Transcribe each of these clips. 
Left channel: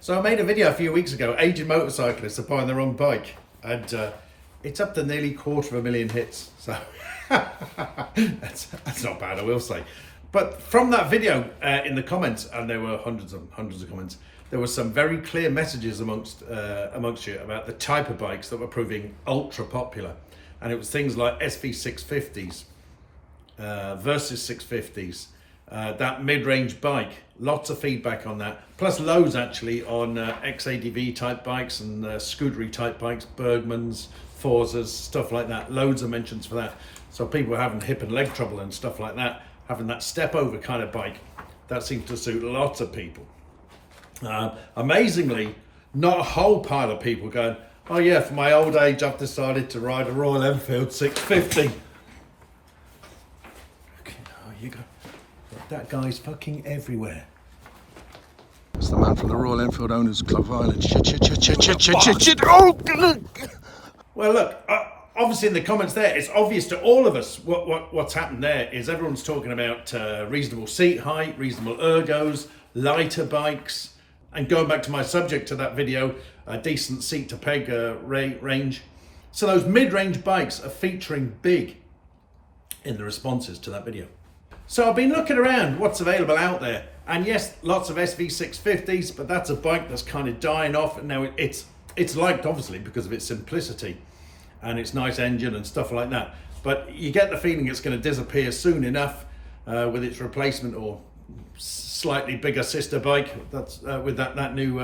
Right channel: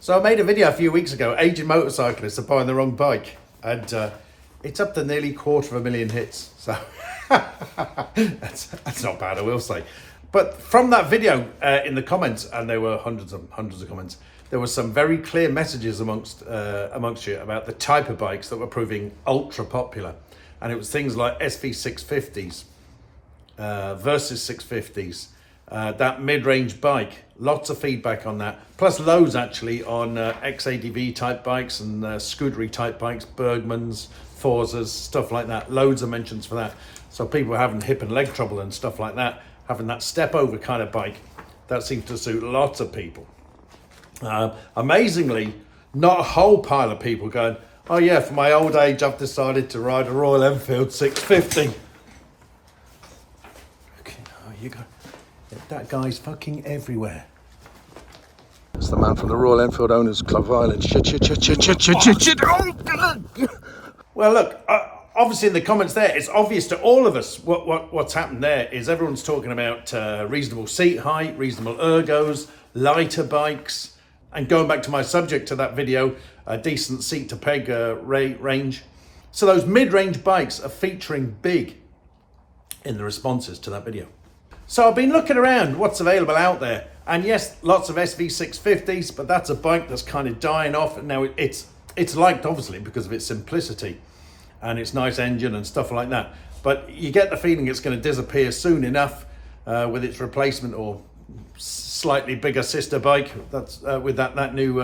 So I made a video a few weeks ago, aging motorcyclists are buying the wrong bike, and it's up to nearly 250,000 hits. So that's not bad, I will say. But from that video, in the comments, and there were hundreds of comments, there were some very clear messages amongst you about the type of bikes that were proving ultra popular, and it was things like SV650s versus 650s. That mid-range bike, lots of feedback on that, plus loads actually on XADV type bikes and scootery type bikes, Bergmans, Forzas, stuff like that. Loads of mentions for that. So people having hip and leg trouble and stuff like that, having that step over kind of bike, that seems to suit lots of people. Amazingly, not a whole pile of people going, oh yeah, for my old age I've decided to ride a Royal Enfield 650. Okay, now you go. That guy's fucking everywhere. It's the man from the Royal Enfield Owners Club of Ireland. Shit. Oh, well, look, obviously in the comments there, it's obvious to all of us what's happened there is everyone's talking about reasonable seat height, reasonable ergos, lighter bikes, and going back to my subject to that video, a decent seat to peg range. So those mid-range bikes are featuring big in the responses to that video. So I've been looking around what's available out there, and yes, lots of SV650s, but that's a bike that's kind of dying off. And now it's liked obviously because of its simplicity and its nice engine and stuff like that. But you get the feeling it's going to disappear soon enough with its replacement or slightly bigger sister bike. That's with that new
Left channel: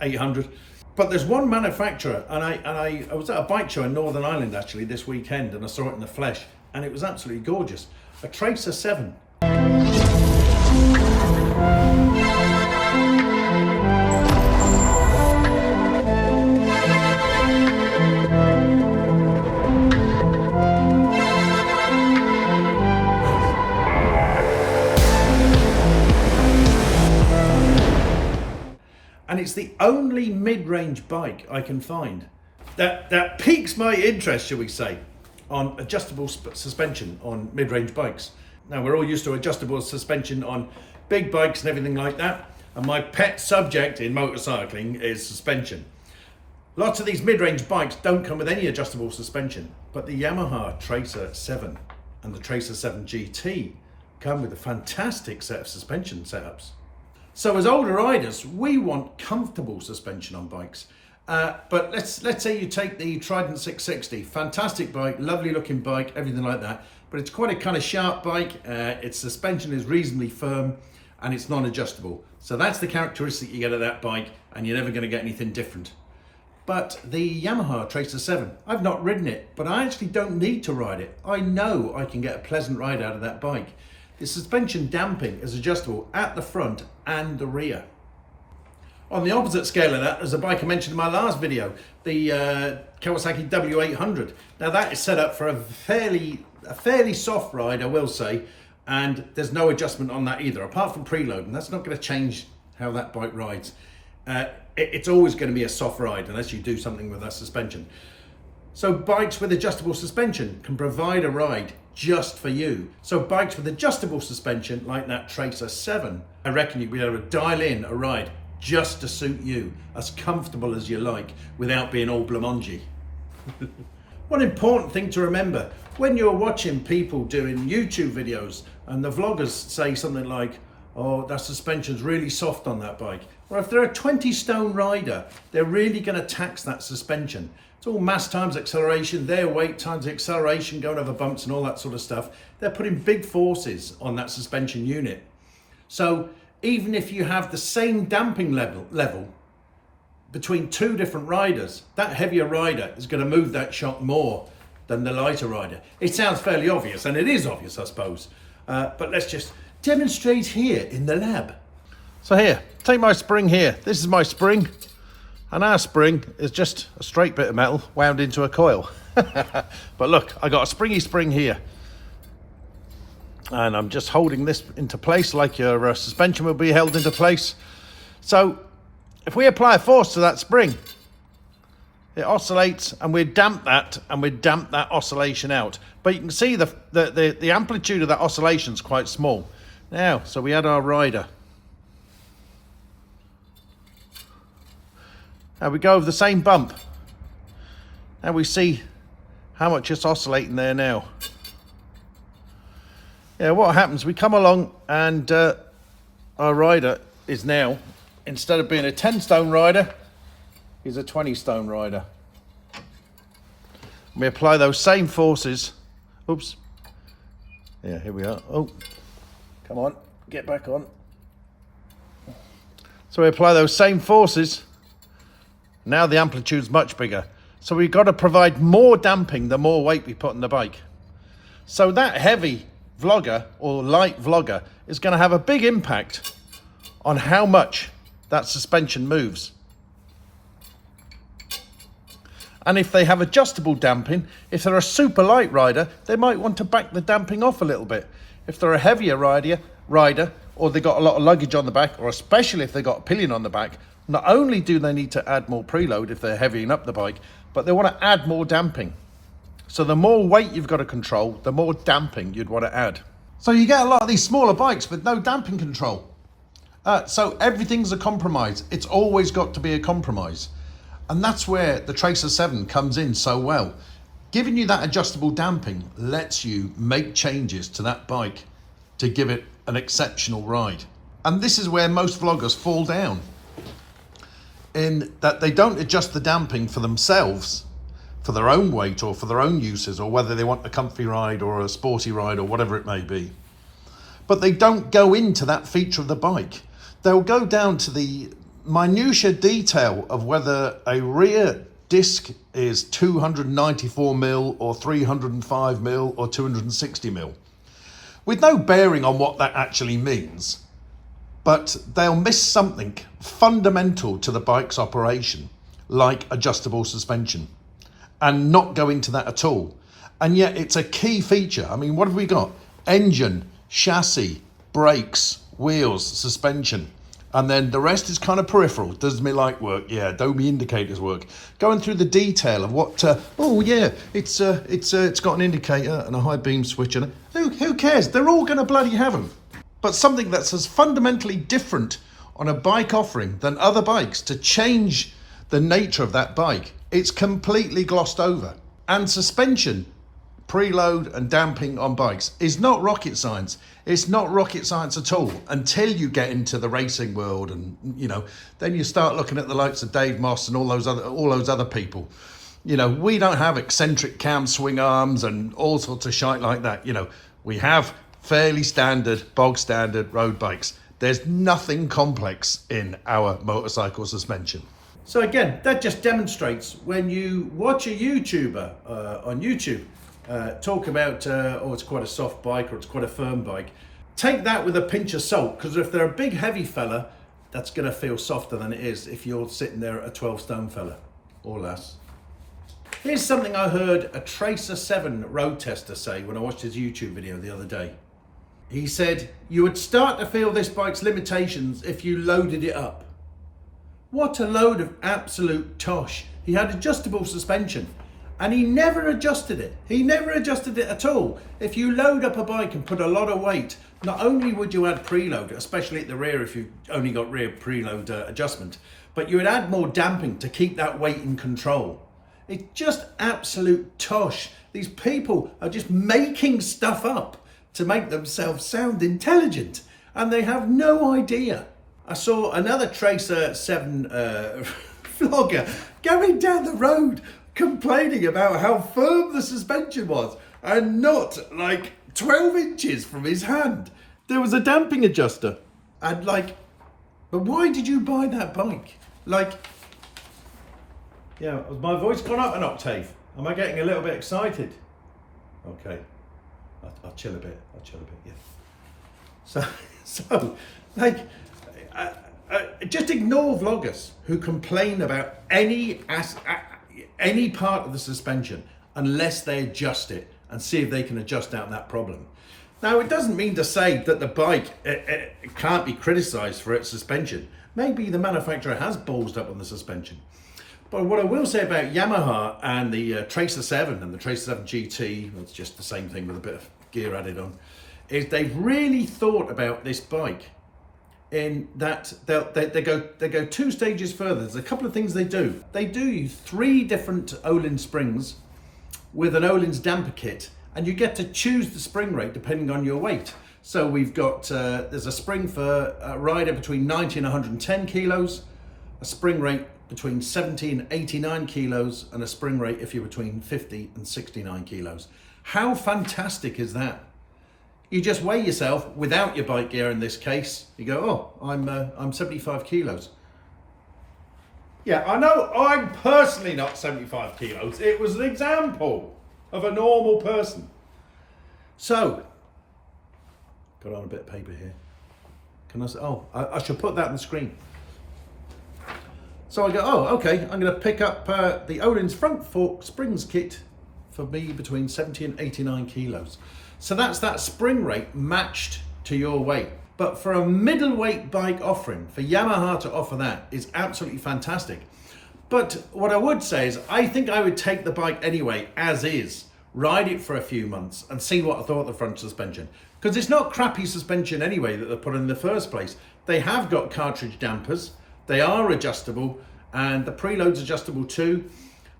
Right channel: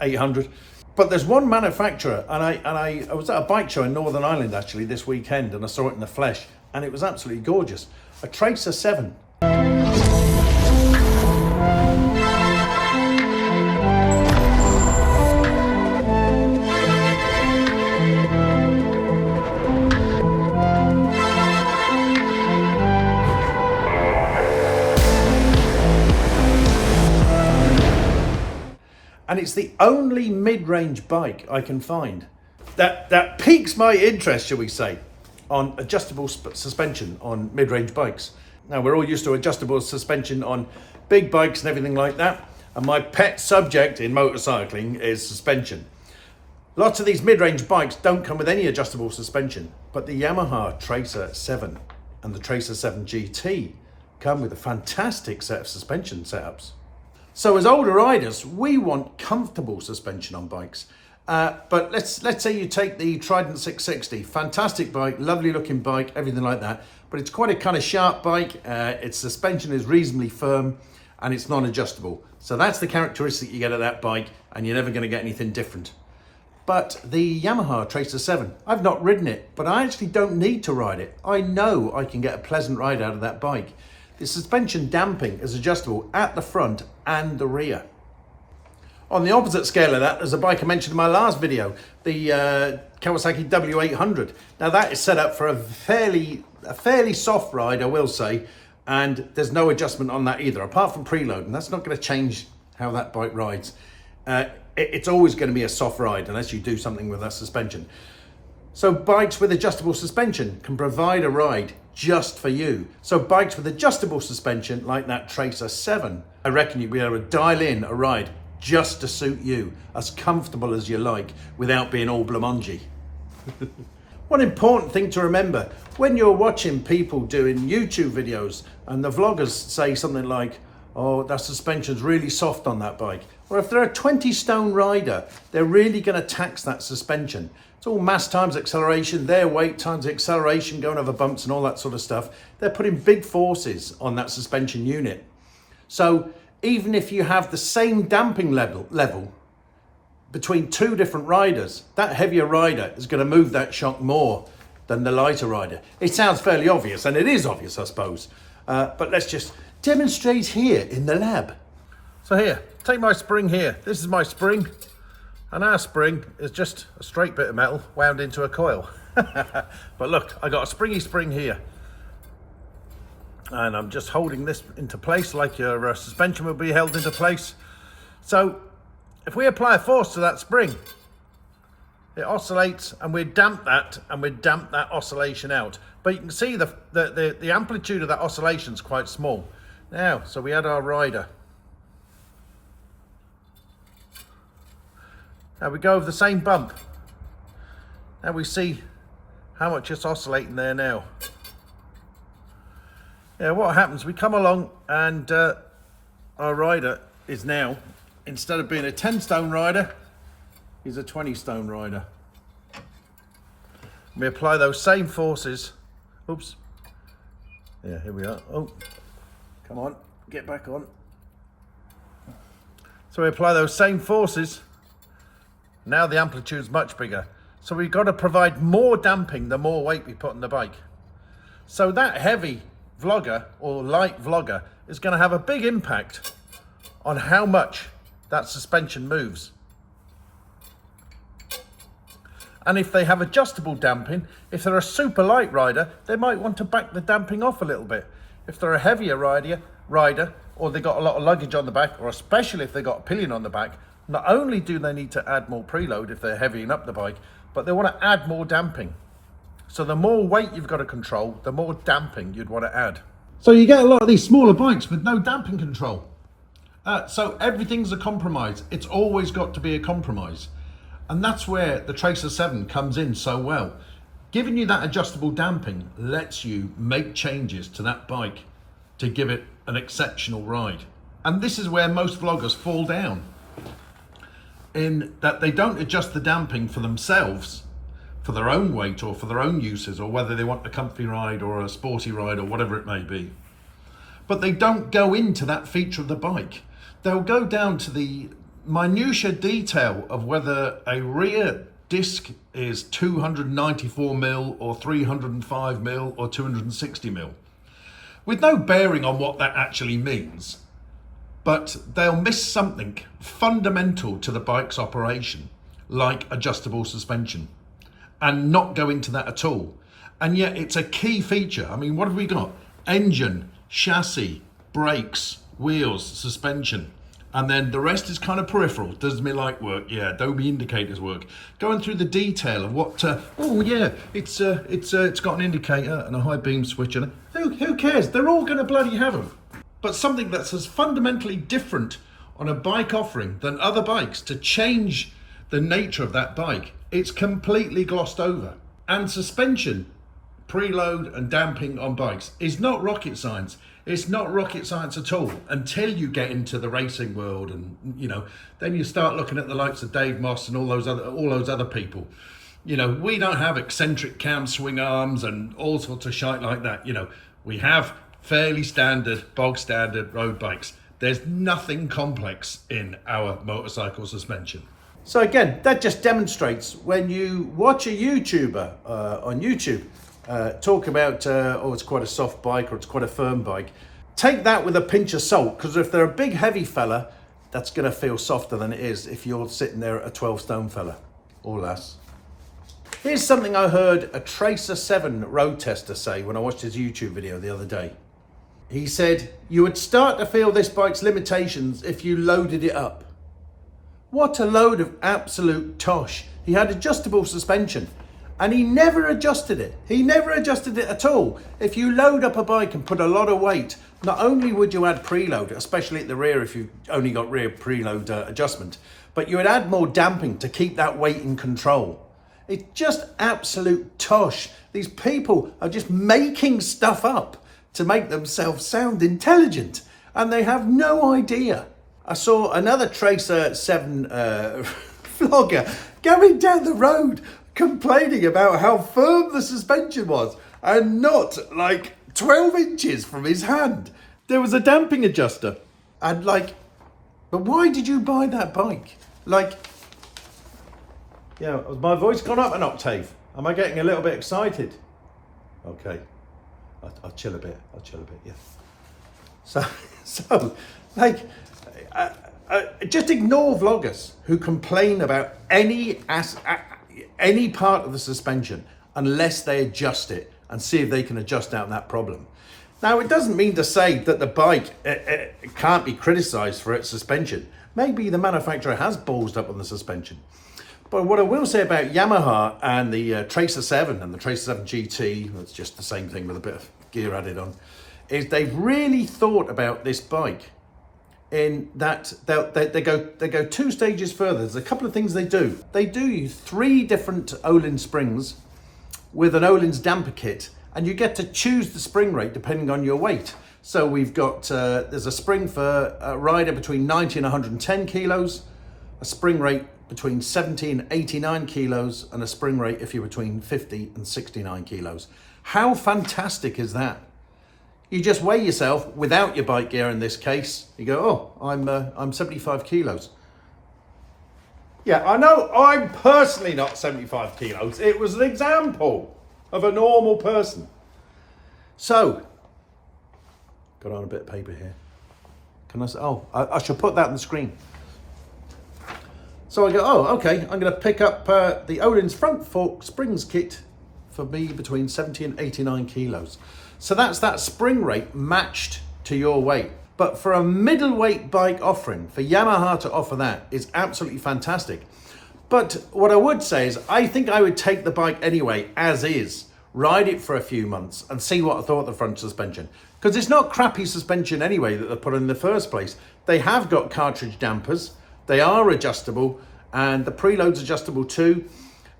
800. But there's one manufacturer, and I was at a bike show in Northern Ireland actually this weekend, and I saw it in the flesh, and it was absolutely gorgeous. A Tracer 7. And it's the only mid-range bike I can find that piques my interest, shall we say, on adjustable suspension on mid-range bikes. Now, we're all used to adjustable suspension on big bikes and everything like that, and my pet subject in motorcycling is suspension. Lots of these mid-range bikes don't come with any adjustable suspension, but the Yamaha Tracer 7 and the Tracer 7 GT come with a fantastic set of suspension setups. So as older riders, we want comfortable suspension on bikes. But let's say you take the Trident 660, fantastic bike, lovely looking bike, everything like that, but it's quite a kind of sharp bike, its suspension is reasonably firm, and it's non-adjustable. So that's the characteristic you get of that bike, and you're never going to get anything different. But the Yamaha Tracer 7, I've not ridden it, but I actually don't need to ride it. I know I can get a pleasant ride out of that bike. The suspension damping is adjustable at the front and the rear. On the opposite scale of that, there's a bike I mentioned in my last video, the Kawasaki W800. Now that is set up for a fairly soft ride, I will say, and there's no adjustment on that either, apart from preload, and that's not going to change how that bike rides. It's always going to be a soft ride unless you do something with that suspension. So bikes with adjustable suspension can provide a ride just for you. So bikes with adjustable suspension, like that Tracer 7, I reckon you'll be able to dial in a ride just to suit you, as comfortable as you like, without being all blamongy. One important thing to remember, when you're watching people doing YouTube videos and the vloggers say something like, oh, that suspension's really soft on that bike, or if they're a 20 stone rider, they're really going to tax that suspension. It's all mass times acceleration, their weight times the acceleration, going over bumps and all that sort of stuff. They're putting big forces on that suspension unit. So even if you have the same damping level between two different riders, that heavier rider is going to move that shock more than the lighter rider. It sounds fairly obvious, and it is obvious, I suppose. But let's just demonstrate here in the lab. So here, take my spring here. This is my spring. And our spring is just a straight bit of metal wound into a coil. But look, I got a springy spring here. And I'm just holding this into place like your suspension will be held into place. So if we apply a force to that spring, It oscillates, and we damp that, oscillation out. But you can see the amplitude of that oscillation is quite small. Now, so we add our rider. Now we go over the same bump. Now we see how much it's oscillating there now. Yeah, what happens, we come along and our rider is now, instead of being a 10 stone rider, is a 20 stone rider. We apply those same forces. Oops. Yeah, here we are. Oh, come on, get back on. So we apply those same forces. Now the amplitude's much bigger. So we've got to provide more damping the more weight we put on the bike. So that heavy vlogger or light vlogger is going to have a big impact on how much that suspension moves. And if they have adjustable damping, if they're a super light rider, they might want to back the damping off a little bit. If they're a heavier rider, or they got a lot of luggage on the back, or especially if they got a pillion on the back, not only do they need to add more preload if they're heavying up the bike, but they want to add more damping. So the more weight you've got to control, the more damping you'd want to add. So you get a lot of these smaller bikes with no damping control. So everything's a compromise. It's always got to be a compromise. And that's where the Tracer 7 comes in so well. Giving you that adjustable damping lets you make changes to that bike to give it an exceptional ride. And this is where most vloggers fall down, in that they don't adjust the damping for themselves, for their own weight or for their own uses, or whether they want a comfy ride or a sporty ride or whatever it may be. But they don't go into that feature of the bike. They'll go down to the minutiae detail of whether a rear disc is 294 mil or 305 mil or 260 mil, with no bearing on what that actually means. But they'll miss something fundamental to the bike's operation, like adjustable suspension, and not go into that at all. And yet it's a key feature. I mean, what have we got? Engine, chassis, brakes, wheels, suspension. And then the rest is kind of peripheral. Does my light work? Yeah. Do my indicators work? Going through the detail of what, oh yeah, it's got an indicator and a high beam switch. And who cares? They're all going to bloody have them. But something that's as fundamentally different on a bike offering than other bikes to change the nature of that bike, it's completely glossed over. And suspension, preload and damping on bikes is not rocket science. It's not rocket science at all until you get into the racing world, and then you start looking at the likes of Dave Moss and all those other people. We don't have eccentric cam swing arms and all sorts of shite like that. We have fairly standard, bog standard road bikes. There's nothing complex in our motorcycle suspension. So again, that just demonstrates when you watch a YouTuber on YouTube talk about, oh, it's quite a soft bike or it's quite a firm bike. Take that with a pinch of salt, because if they're a big heavy fella, that's going to feel softer than it is if you're sitting there at a 12 stone fella or less. Here's something I heard a Tracer 7 road tester say when I watched his YouTube video the other day. He said, you would start to feel this bike's limitations if you loaded it up. What a load of absolute tosh. He had adjustable suspension and he never adjusted it. He never adjusted it at all. If you load up a bike and put a lot of weight, not only would you add preload, especially at the rear if you've only got rear preload adjustment, but you would add more damping to keep that weight in control. It's just absolute tosh. These people are just making stuff up to make themselves sound intelligent, and they have no idea. I saw another Tracer 7 vlogger going down the road complaining about how firm the suspension was and not like 12 inches from his hand. There was a damping adjuster. And but why did you buy that bike? Has my voice gone up an octave? Am I getting a little bit excited? Okay, I'll chill a bit, yeah. So just ignore vloggers who complain about any part of the suspension unless they adjust it and see if they can adjust out that problem. Now, it doesn't mean to say that the bike can't be criticised for its suspension. Maybe the manufacturer has ballsed up on the suspension. But what I will say about Yamaha and the Tracer 7 and the Tracer 7 GT, it's just the same thing with a bit of gear added on, is they've really thought about this bike in that they go 2 stages further. There's a couple of things they do. They do 3 different Öhlins springs with an Öhlins damper kit, and you get to choose the spring rate depending on your weight. So we've got, there's a spring for a rider between 90 and 110 kilos, a spring rate between 70 and 89 kilos, and a spring rate if you're between 50 and 69 kilos. How fantastic is that? You just weigh yourself without your bike gear in this case. You go, oh, I'm 75 kilos. Yeah, I know I'm personally not 75 kilos. It was an example of a normal person. So, got on a bit of paper here. Can I say, oh, I should put that on the screen. So I go, oh, okay, I'm going to pick up the Öhlins front fork springs kit for me between 70 and 89 kilos. So that's that spring rate matched to your weight. But for a middleweight bike offering, for Yamaha to offer that is absolutely fantastic. But what I would say is I think I would take the bike anyway, as is, ride it for a few months and see what I thought of the front suspension. Because it's not crappy suspension anyway that they put in the first place. They have got cartridge dampers, they are adjustable, and the preload's adjustable too.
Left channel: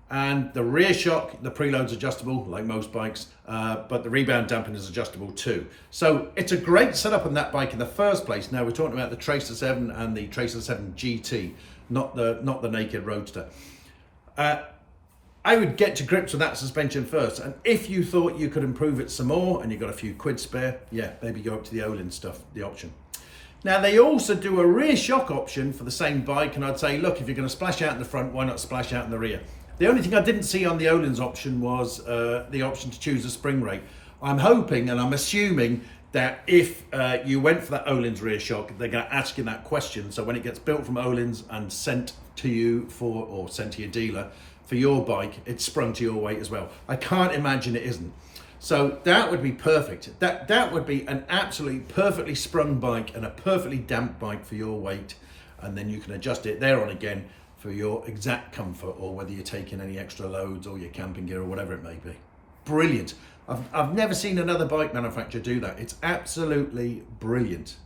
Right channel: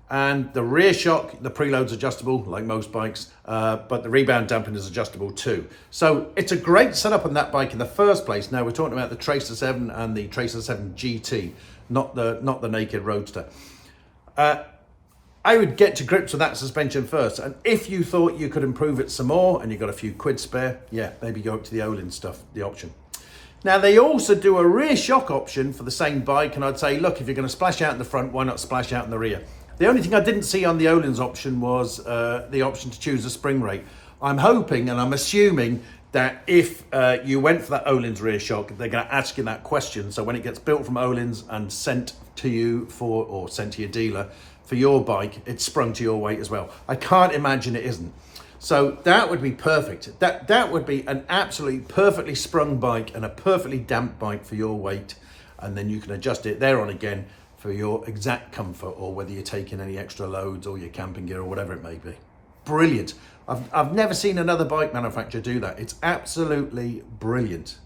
And the rear shock, the preload's adjustable, like most bikes, but the rebound damping is adjustable too. So it's a great setup on that bike in the first place. Now we're talking about the Tracer 7 and the Tracer 7 GT, not the naked roadster. I would get to grips with that suspension first. And if you thought you could improve it some more and you've got a few quid spare, yeah, maybe go up to the Öhlins stuff, the option. Now they also do a rear shock option for the same bike. And I'd say, look, if you're going to splash out in the front, why not splash out in the rear? The only thing I didn't see on the Öhlins option was the option to choose a spring rate. I'm hoping and I'm assuming that if you went for that Öhlins rear shock, they're going to ask you that question. So when it gets built from Öhlins and sent to you or sent to your dealer for your bike, it's sprung to your weight as well. I can't imagine it isn't. So that would be perfect. That would be an absolutely perfectly sprung bike and a perfectly damped bike for your weight. And then you can adjust it there on again for your exact comfort, or whether you're taking any extra loads or your camping gear or whatever it may be. Brilliant. I've never seen another bike manufacturer do that. It's absolutely brilliant.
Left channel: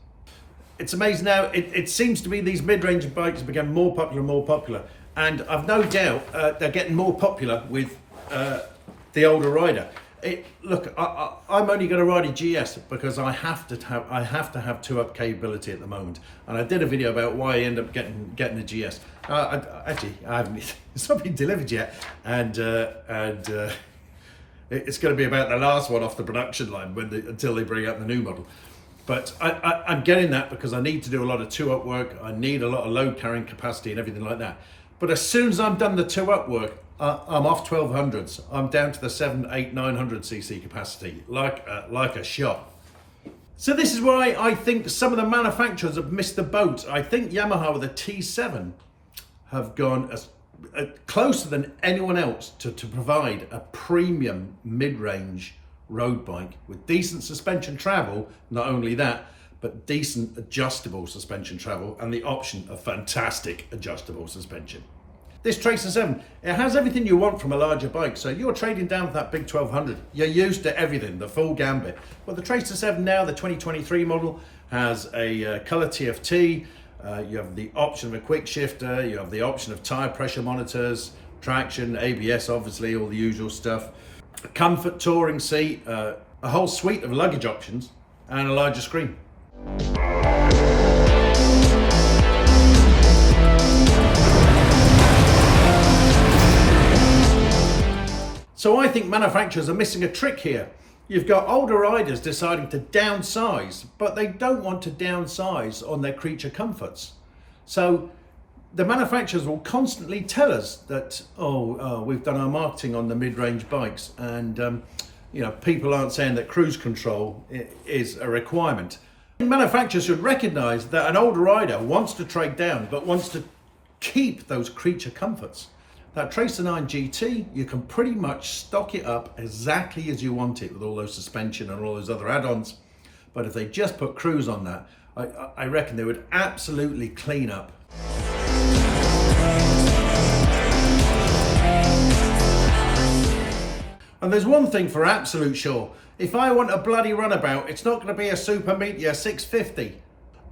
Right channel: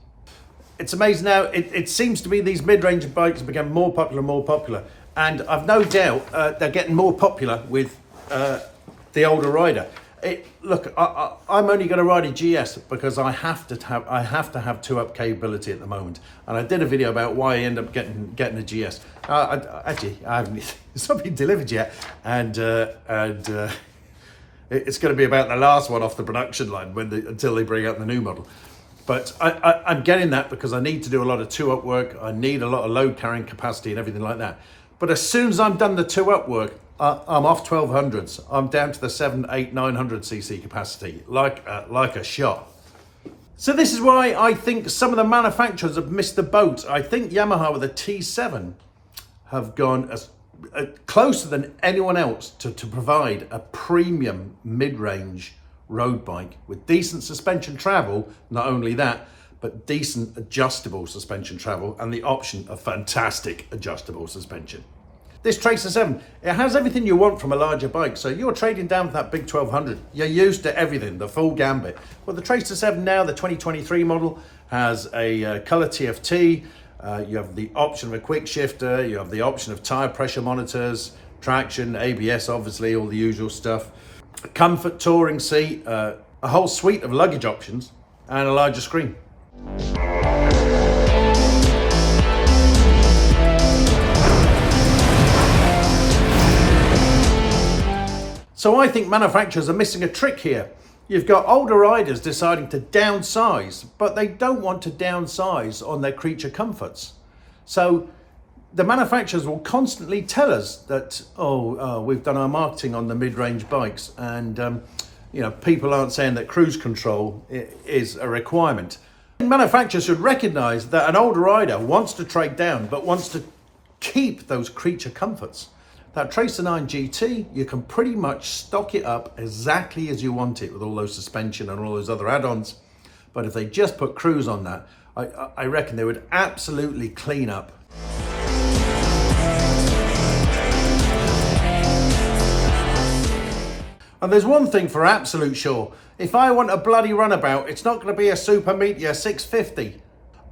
It's amazing now, it seems to be these mid-range bikes become more popular and more popular. And I've no doubt they're getting more popular with the older rider. Look, I'm only going to ride a GS because I have to have 2-up capability at the moment, and I did a video about why I end up getting a GS. Actually, I haven't. It's not been delivered yet, and it's going to be about the last one off the production line until they bring out the new model. But I'm getting that because I need to do a lot of 2-up work. I need a lot of load carrying capacity and everything like that. But as soon as I'm done the 2-up work, I'm off 1200s. I'm down to the 700, 800, 900 cc capacity, like a shot. So this is why I think some of the manufacturers have missed the boat. I think Yamaha with the T7 have gone as closer than anyone else to provide a premium mid-range road bike with decent suspension travel. Not only that, but decent adjustable suspension travel and the option of fantastic adjustable suspension. This Tracer 7, it has everything you want from a larger bike. So you're trading down for that big 1200. You're used to everything, the full gambit. But the Tracer 7 now, the 2023 model, has a color TFT. You have the option of a quick shifter. You have the option of tire pressure monitors, traction, ABS, obviously, all the usual stuff. A comfort touring seat, a whole suite of luggage options, and a larger screen. So I think manufacturers are missing a trick here. You've got older riders deciding to downsize, but they don't want to downsize on their creature comforts. So the manufacturers will constantly tell us that, we've done our marketing on the mid-range bikes, and people aren't saying that cruise control is a requirement. Manufacturers should recognize that an older rider wants to trade down, but wants to keep those creature comforts. That Tracer 9 GT, you can pretty much stock it up exactly as you want it with all those suspension and all those other add-ons. But if they just put cruise on that, I reckon they would absolutely clean up. And there's one thing for absolute sure. If I want a bloody runabout, it's not going to be a Super Meteor 650.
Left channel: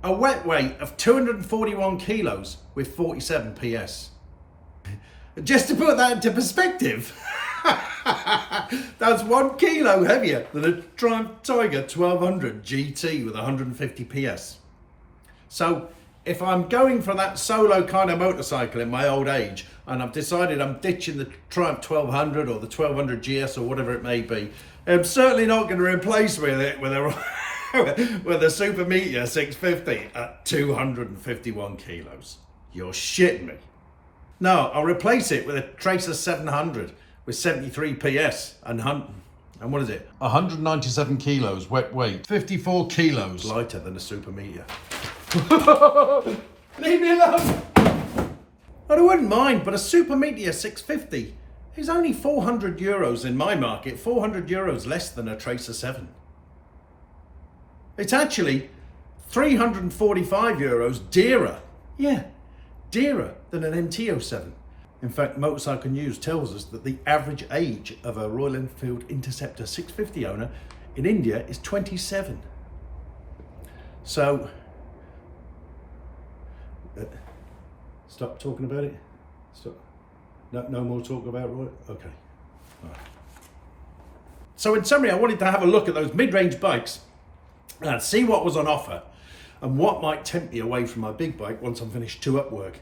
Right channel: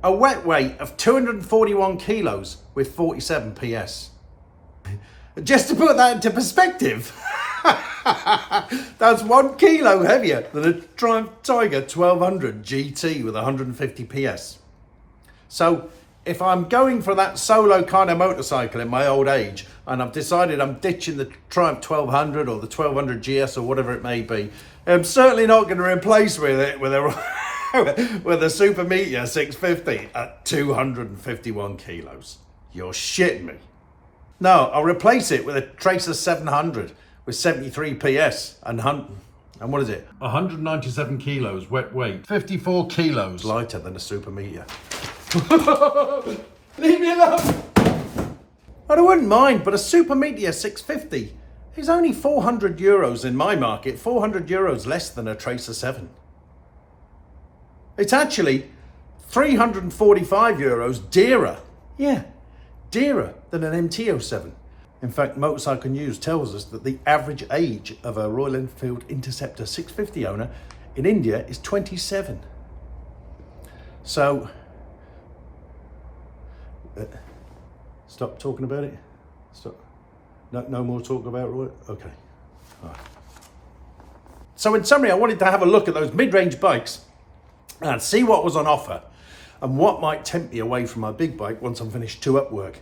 A wet weight of 241 kilos with 47 PS. Just to put that into perspective, that's 1 kilo heavier than a Triumph Tiger 1200 GT with 150 PS. So if I'm going for that solo kind of motorcycle in my old age, and I've decided I'm ditching the Triumph 1200 or the 1200 GS or whatever it may be, I'm certainly not going to replace with it with a with a Super Meteor 650 at 251 kilos. You're shitting me. No, I'll replace it with a Tracer 700 with 73 PS and what is it? 197 kilos wet weight. 54 kilos lighter than a Super Meteor. Leave me alone. I wouldn't mind, but a Super Meteor 650 is only 400 euros in my market, 400 euros less than a Tracer 7. It's actually 345 euros dearer. Yeah, dearer than an MT-07. In fact, Motorcycle News tells us that the average age of a Royal Enfield Interceptor 650 owner in India is 27. So, stop talking about it. Stop. No more talk about it. Okay. All right. So in summary, I wanted to have a look at those mid-range bikes and see what was on offer and what might tempt me away from my big bike once I'm finished 2-up work.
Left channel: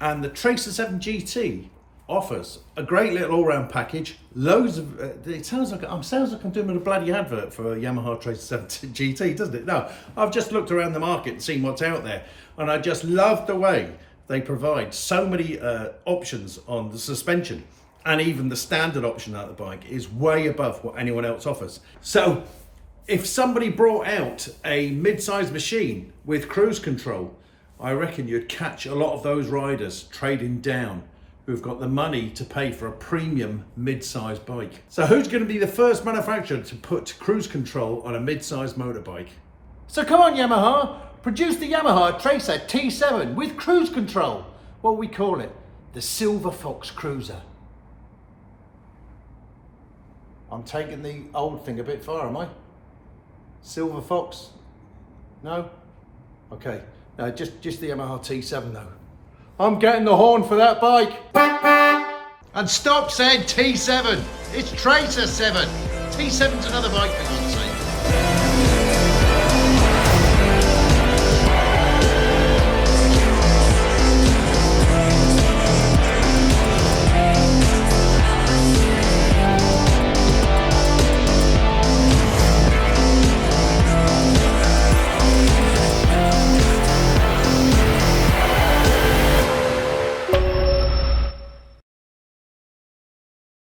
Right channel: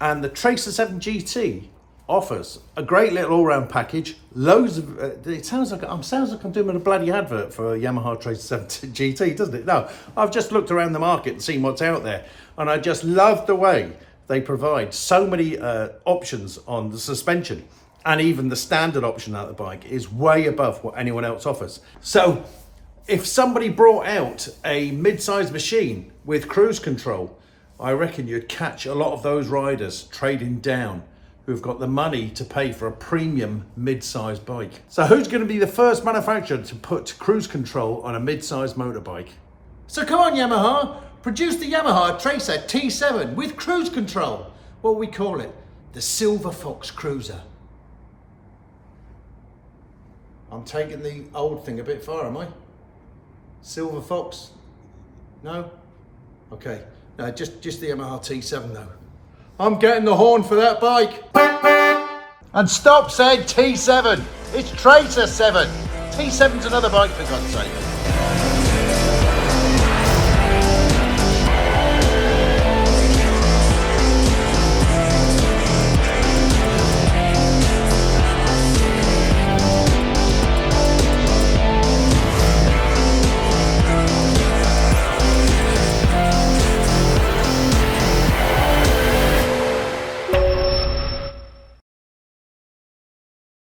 And the Tracer 7 GT offers a great little all-round package. Loads of it sounds like I'm doing a bloody advert for a Yamaha Tracer 7 GT, doesn't it? No, I've just looked around the market and seen what's out there, and I just love the way they provide so many options on the suspension, and even the standard option on the bike is way above what anyone else offers. So if somebody brought out a mid-sized machine with cruise control, I reckon you'd catch a lot of those riders trading down who've got the money to pay for a premium mid-sized bike. So who's going to be the first manufacturer to put cruise control on a mid-sized motorbike? So come on, Yamaha, produce the Yamaha Tracer T7 with cruise control. What we call it, the Silver Fox Cruiser. I'm taking the old thing a bit far, am I? Silver Fox? No? Okay. No, just the Yamaha T7 though. I'm getting the horn for that bike. And stop saying T7. It's Tracer 7. T7's another bike for God's sake.